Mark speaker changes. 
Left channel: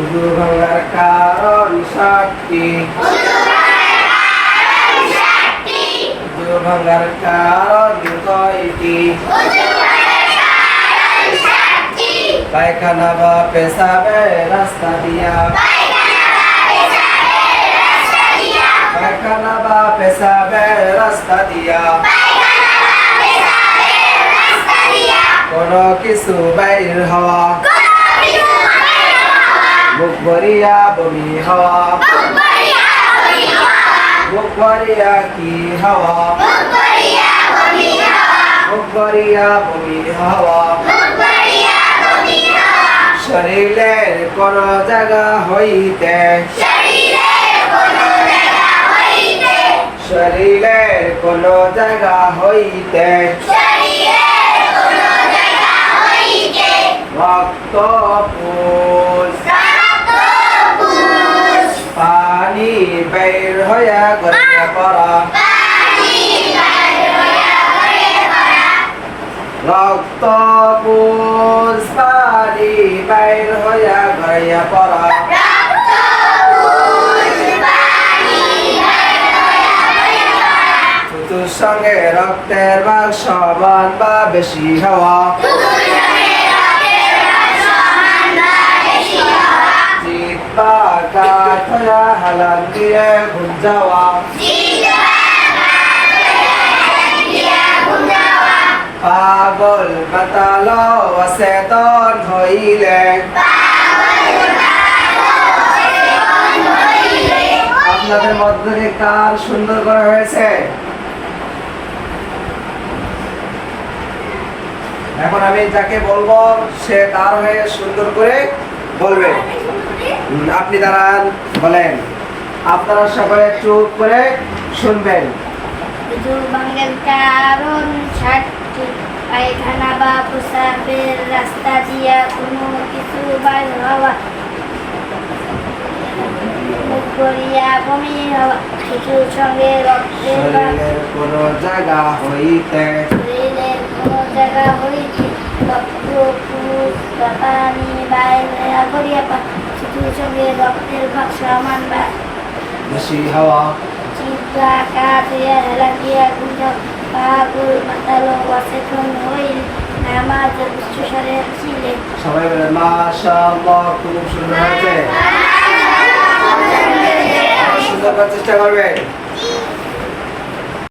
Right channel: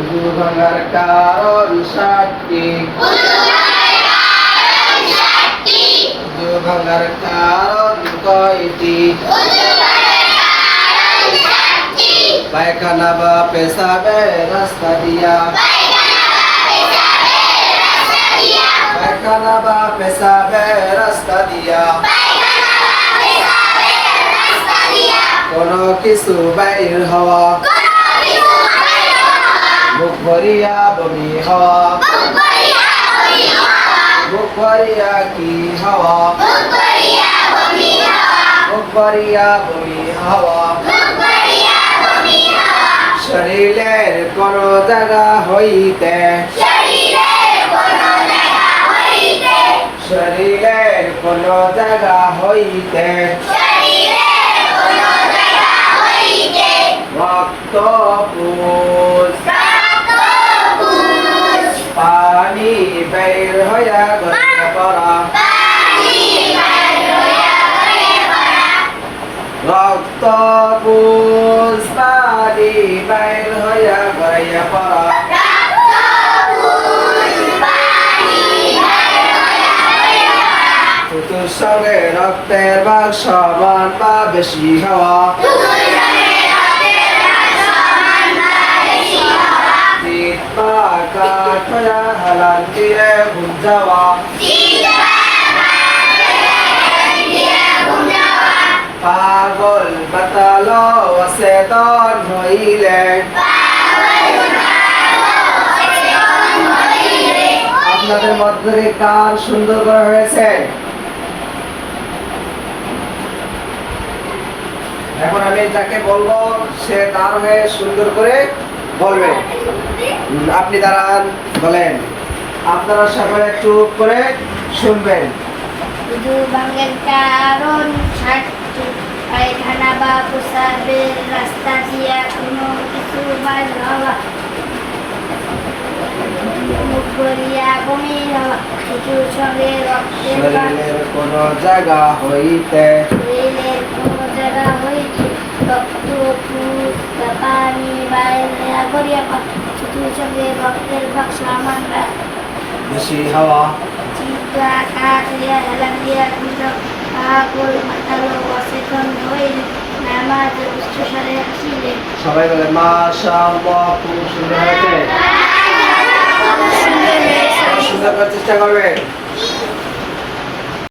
Speaker 1: উজু ভাঙার কারণ সাতটি উজু ভাঙার কারণ কয়টি পায়খানা বা পেশাবে রাস্তা দিয়া। পায়খানা বা পেশাবে রাস্তা দিয়া। কোনো কিছু বাইর হওয়া। মুখ ভরিয়া বমি মুখ ভরিয়া কি হওয়া? মুখ ভরিয়া বমি হওয়া। শরীরের কোন জায়গা হইতে। শরীরের কোন জায়গা হইতে। রক্ত পুষ বের হইয়া গড়িয়া পড়া। রক্ত পুষ পানি বের হইয়া গড়িয়া পড়া। সঙ্গে রক্তের সমান বা বেশি হওয়া। পাগল মাতাল অচেতন হইলে। আপনাদের মধ্যে কার সুন্দর করা হয়েছে? এখন আমি যাকে বলব, সে তার হয়ে সুন্দর করে বলবে। আপনি দাঁড়ান, বলেন। আপনারা সবাই চুপ করে শুনবেন।
Speaker 2: কারণ পায়খানা বা প্রসাবের রাস্তা দিয়া কোনো কিছু বাইর হওয়া করিয়া বমি হওয়া কিছুর সঙ্গে রক্তের
Speaker 1: কোনো জায়গা হইতে
Speaker 2: শরীরের কোনো জায়গা হইতে রক্ত পুষ পানি বাইরে করিয়া কিছুর সঙ্গে রক্তের ভাগ সামান বা
Speaker 1: বেশি হাওয়া। সবাই বলে মাশাআল্লাহ খুব সুন্দর হয়েছে। সুন্দর করার চেষ্টা করবেন।